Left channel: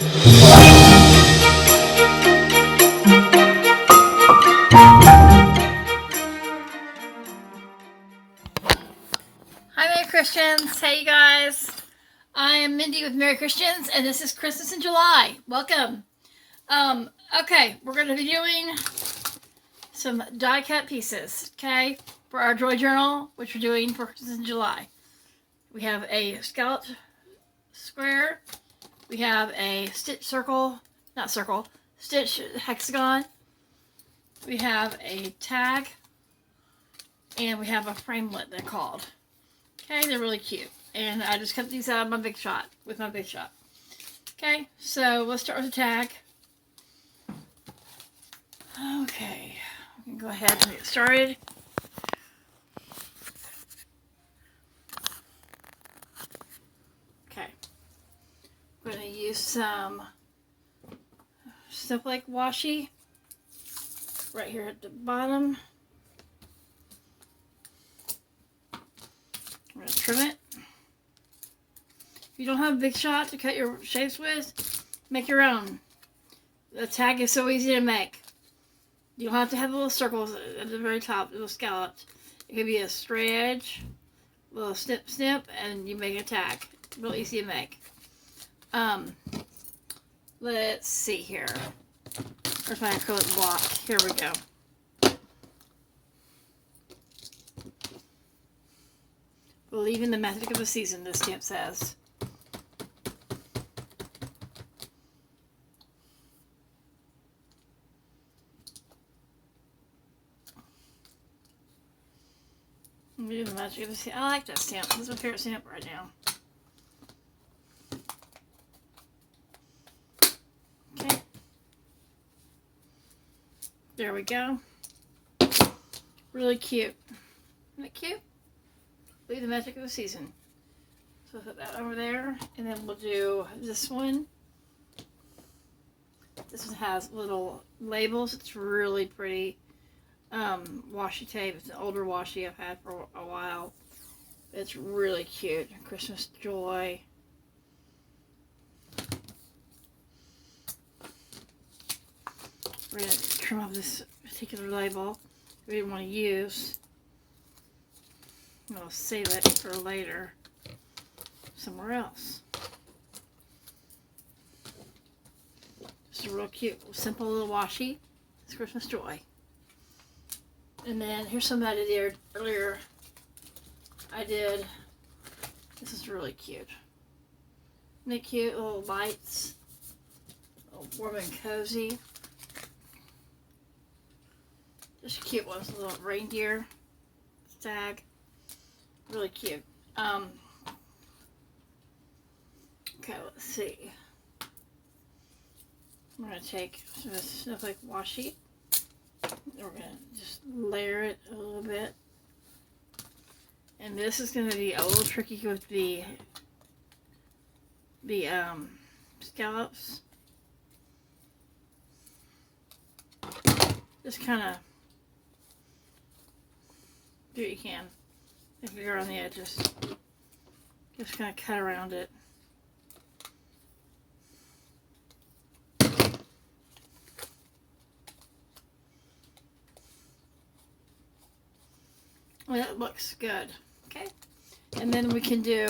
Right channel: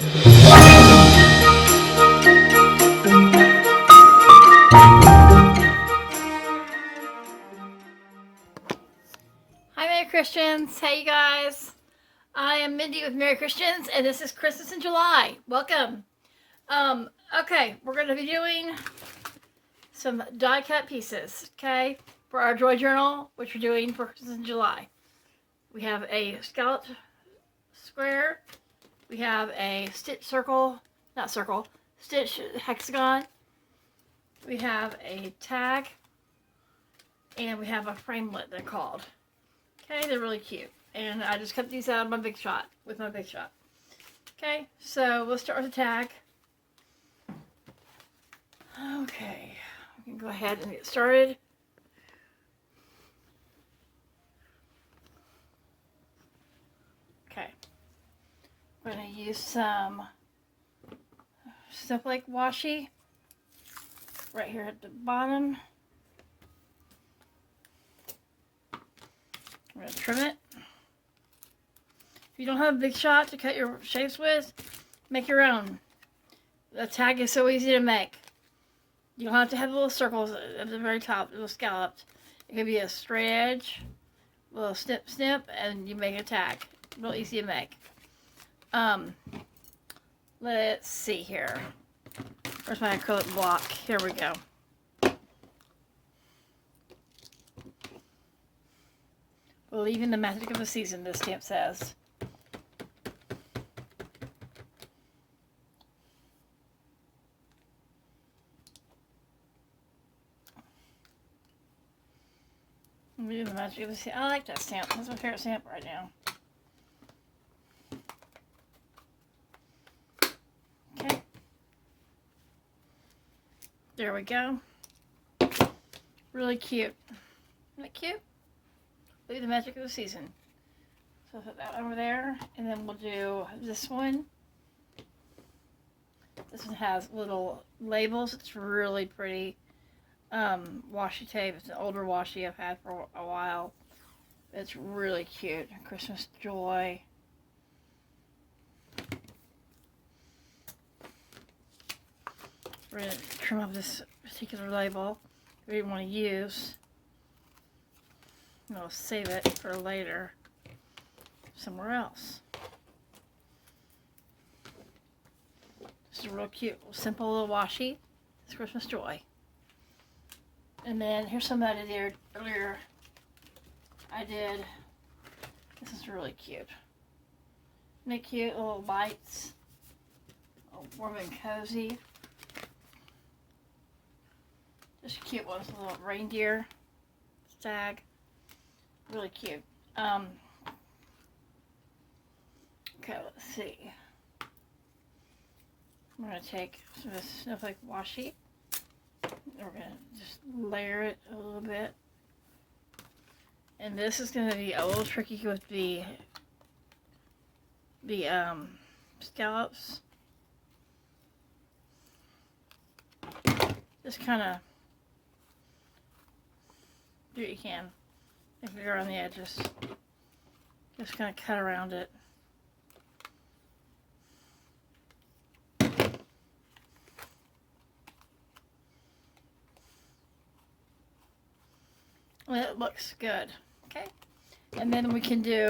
Hi, Merry Christians. Hey, you guys. I am Mindy with Merry Christians, and this is Christmas in July. Welcome. Okay, we're going to be doing some die cut pieces, okay, for our Joy Journal, which we're doing for Christmas in July. We have a scalloped square. We have a stitch circle, not circle, stitch hexagon. We have a tag, and we have a framelit, they're called. Okay, they're really cute. And I just cut these out of my Big Shot, with my Big Shot. Okay, so let's start with the tag. Okay, we can go ahead and get started. Okay, I'm going to use some Snowflake washi right here at the bottom. I'm going to trim it. If you don't have a Big Shot to cut your shapes with, make your own. The tag is so easy to make. You don't have to have little circles at the very top, little scallops. It could be a straight edge, a little snip snip, and you make a tag. Real easy to make. Let's see here. Where's my acrylic block? Here we go. Believe in the magic of the season, this stamp says. Believe in the magic of the season. I like that stamp. That's my favorite stamp right now. Okay. There we go. Really cute. Isn't it cute? Believe the magic of the season. So I'll put that over there, and then we'll do this one. This one has little labels. It's really pretty. Washi tape. It's an older washi I've had for a while. It's really cute. Christmas Joy. We're going to trim off this particular label we didn't want to use. I'll save it for later somewhere else. This is a real cute, simple little washi. It's Christmas Joy. And then here's some that I did earlier. This is really cute. Isn't it cute? Little lights. Warm and cozy. Just cute ones. A little reindeer tag. Really cute. Okay, let's see. I'm going to take this Snowflake washi. We're going to just layer it a little bit. And this is going to be a little tricky with the scallops. Just kind of do what you can. If you're on the edges, just kind of cut around it. And it looks good. Okay. And then we can do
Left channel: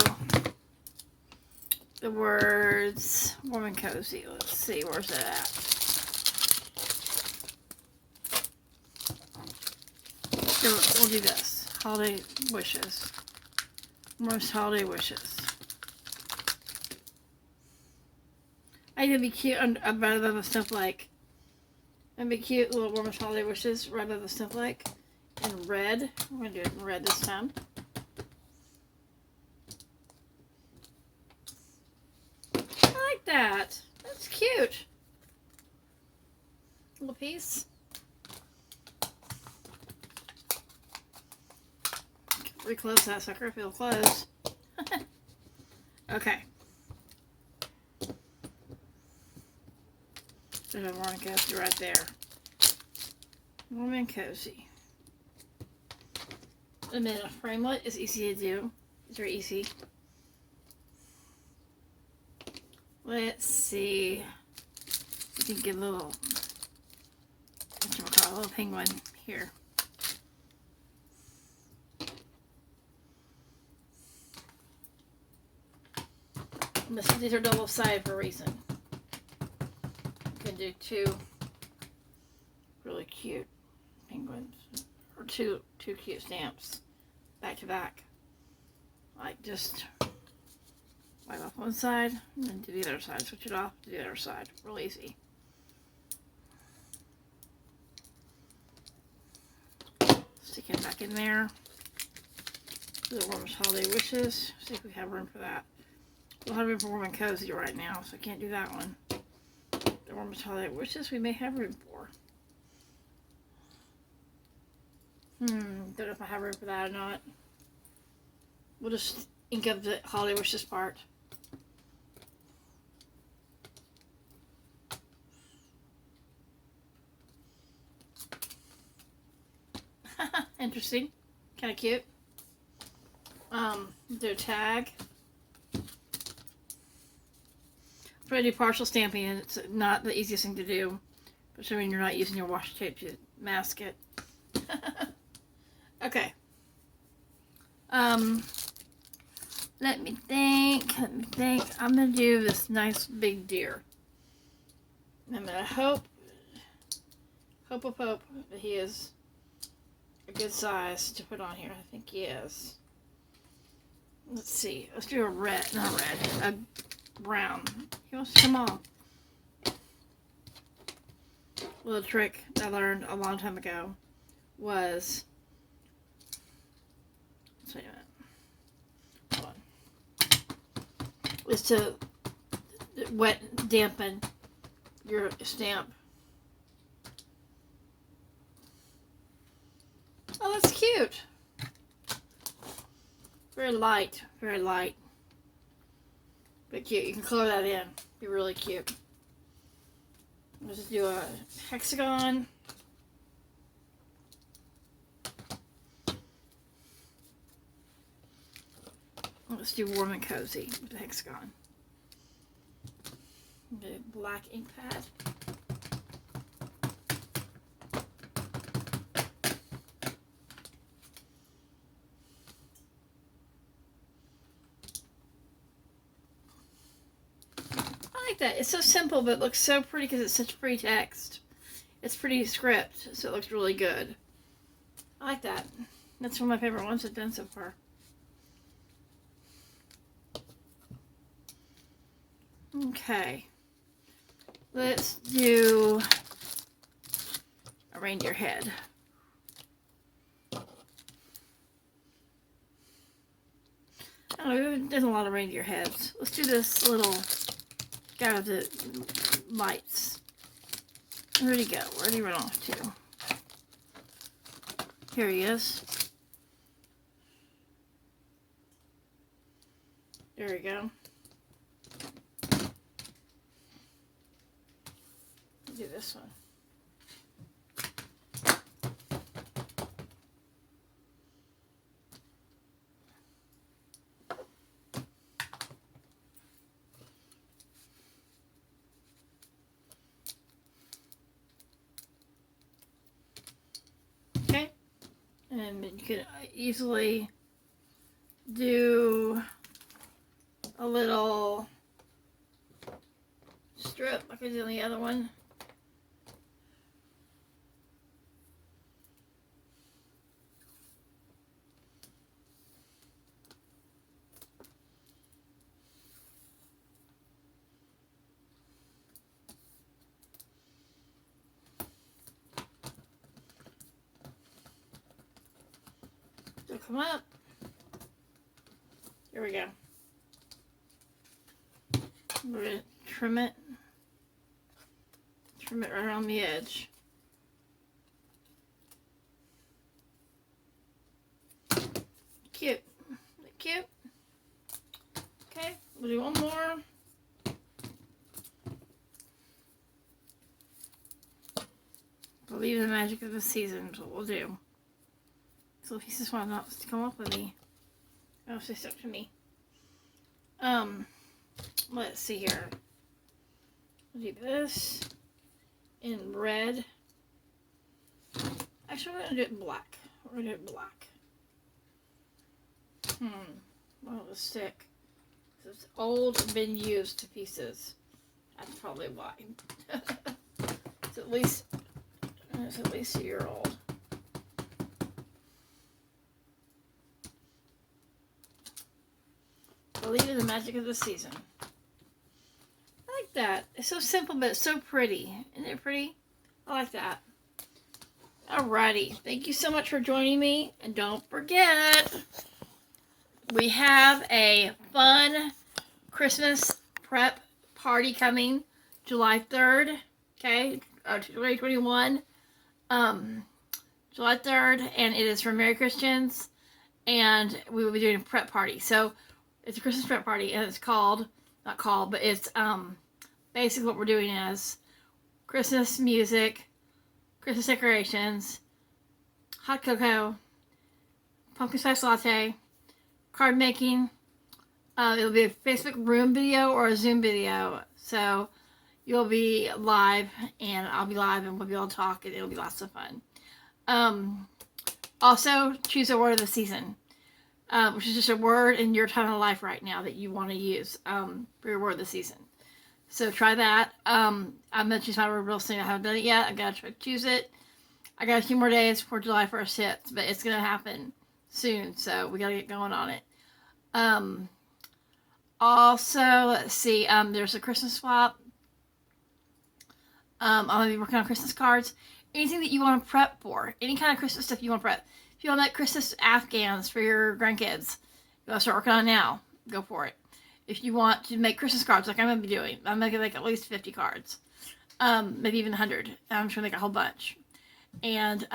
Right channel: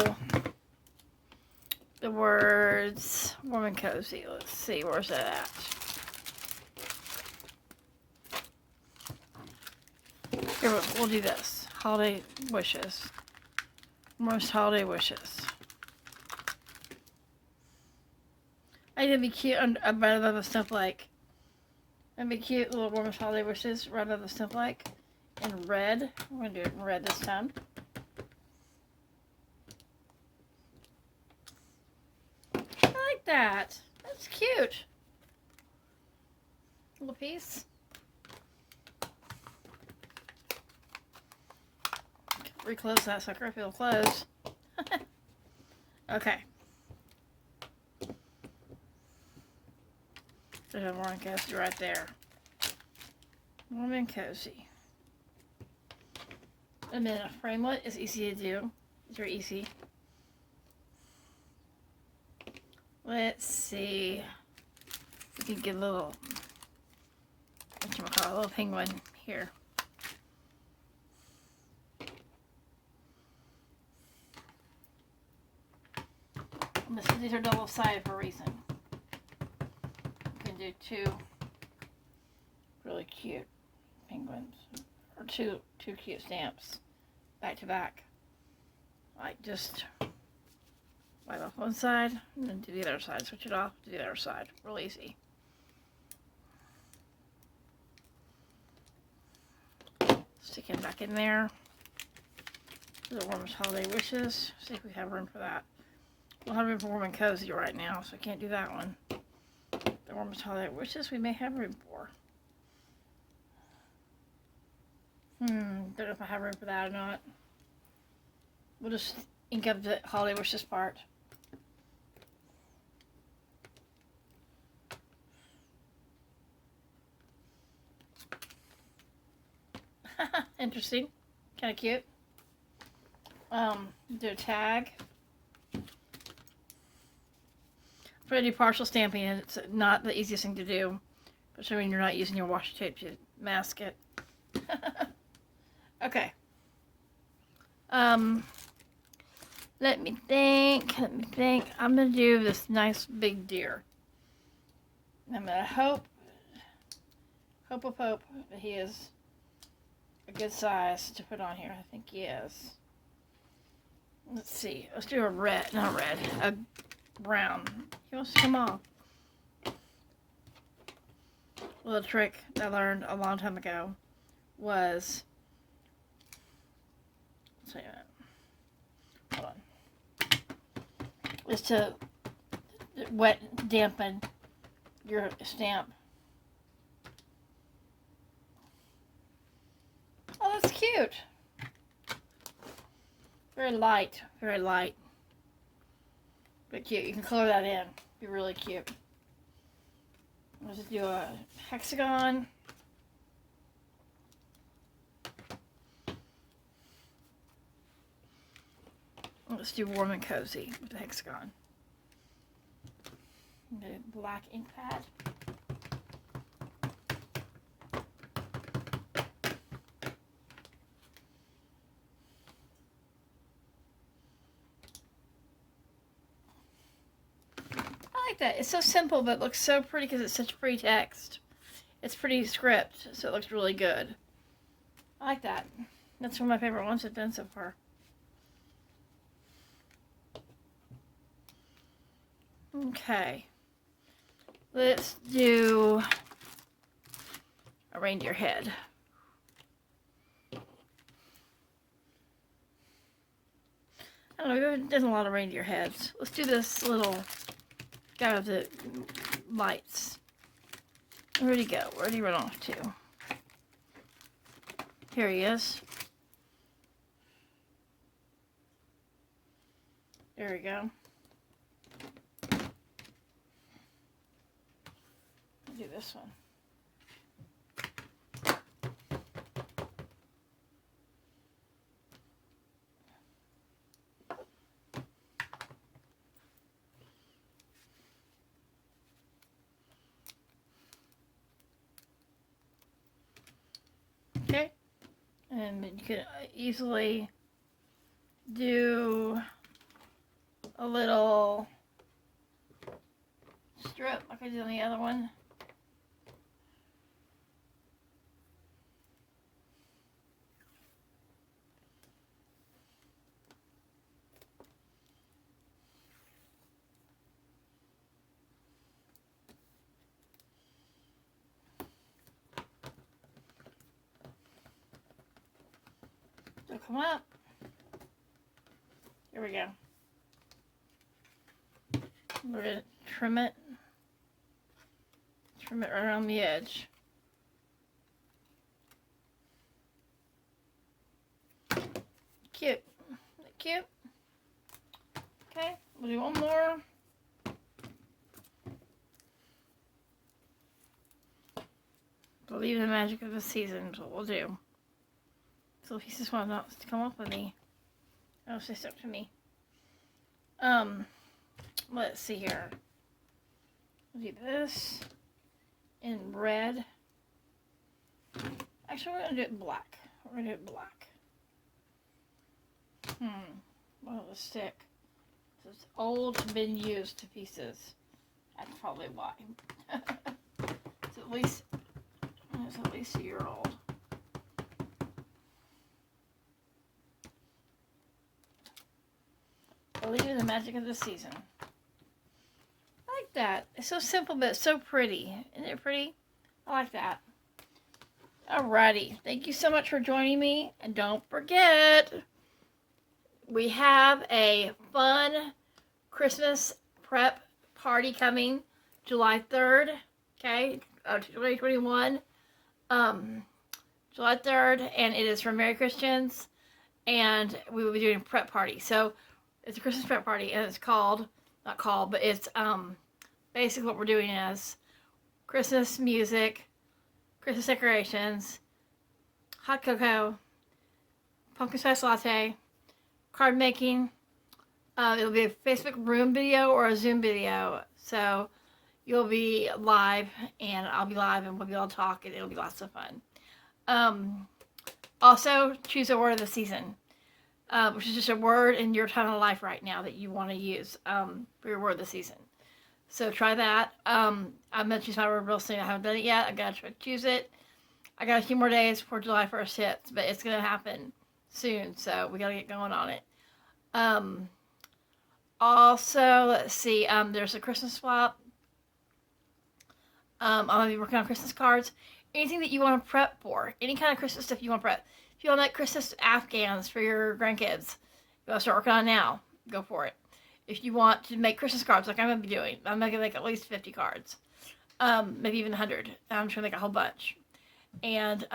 the words warm and cozy. Let's see, where's it at? Here, we'll do this. Holiday wishes. Most holiday wishes. I think it'd be cute right above the snowflake. It'd be cute little warmest holiday wishes right above the snowflake. In red. I'm going to do it in red this time. I like that. That's cute. Little piece. Reclose that sucker if it'll close. Okay. There's a warm and cozy right there. Warm and cozy. And then a framelit is easy to do. It's very easy. Let's see. We can get a little, a little penguin here. These are double-sided for a reason. You can do two really cute penguins, or two cute stamps back to back. Like just wipe off one side and then do the other side. Switch it off, do the other side. Real easy. Stick it back in there. The Warmest Holiday Wishes. See if we have room for that. We'll have room for Warm and Cozy right now, so I can't do that one. The Warmest Holiday Wishes we may have room for. Don't know if I have room for that or not. We'll just ink up the Holiday Wishes part. Interesting. Kind of cute. Do a tag. Try to do partial stamping, and it's not the easiest thing to do, especially when you're not using your washi tape to mask it. Okay. Let me think. I'm gonna do this nice big deer. I'm gonna hope that he is a good size to put on here. I think he is. Let's see. Let's do a red, not a red, a brown. He wants to come off. A little trick I learned a long time ago was, hold on, is to wet dampen your stamp. Oh, that's cute. Very light, but cute. You can color that in. Be really cute. Let's just do a hexagon. Let's do Warm and Cozy with the hexagon. The black ink pad. That. It's so simple, but it looks so pretty because it's such pretty text. It's pretty script, so it looks really good. I like that. That's one of my favorite ones it's been so far. Okay. Let's do a reindeer head. I don't know, there's a lot of reindeer heads. Let's do this little guy with the lights. Where'd he go? Where'd he run off to? Here he is. There we go. Do this one. Okay, and you could easily do a little strip like I did on the other one. So come up. Here we go. We're going to trim it right around the edge. Cute. Isn't that cute? Okay, we'll do one more. Believe in the magic of the season is what we'll do. So if he just wants to come up with me, oh, it's up to me. Let's see here. we'll do this in red. Actually, we're gonna do it in black. We're gonna do it in black. Well, the stick. It's old and been used to pieces. That's probably why. It's at least a year old. Believe in the magic of the season. I like that. It's so simple, but it's so pretty. Isn't it pretty? I like that. Alrighty. Thank you so much for joining me. And don't forget, we have a fun Christmas prep party coming July 3rd. Okay? 2021. July 3rd. And it is for Merry Christians. And we will be doing a prep party. So, it's a Christmas prep party, and it's called, not called, but it's basically what we're doing is Christmas music, Christmas decorations, hot cocoa, pumpkin spice latte, card making. It'll be a Facebook room video or a Zoom video. So you'll be live, and I'll be live, and we'll be able to talk, and it'll be lots of fun. Also, choose a word of the season. Which is just a word in your time of life right now that you want to use for your word of the season. So try that. I'm going to choose my word real soon. I haven't done it yet. I got to choose it. I got a few more days before July 1st hits, but it's going to happen soon. So we got to get going on it. Also, let's see. There's a Christmas swap. I'm going to be working on Christmas cards. Anything that you want to prep for. Any kind of Christmas stuff you want to prep. If you want to make Christmas Afghans for your grandkids, you want to start working on it now, go for it. If you want to make Christmas cards like I'm going to be doing, I'm going to make at least 50 cards. Maybe even 100. I'm just going to make a whole bunch. And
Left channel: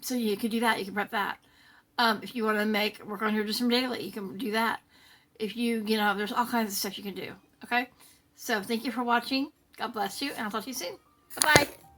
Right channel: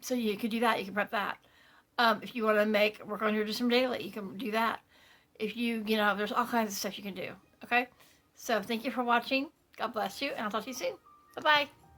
so you could do that. You can prep that. If you want to work on your Just From Daily, you can do that. If there's all kinds of stuff you can do. Okay? So thank you for watching. God bless you, and I'll talk to you soon. Bye-bye.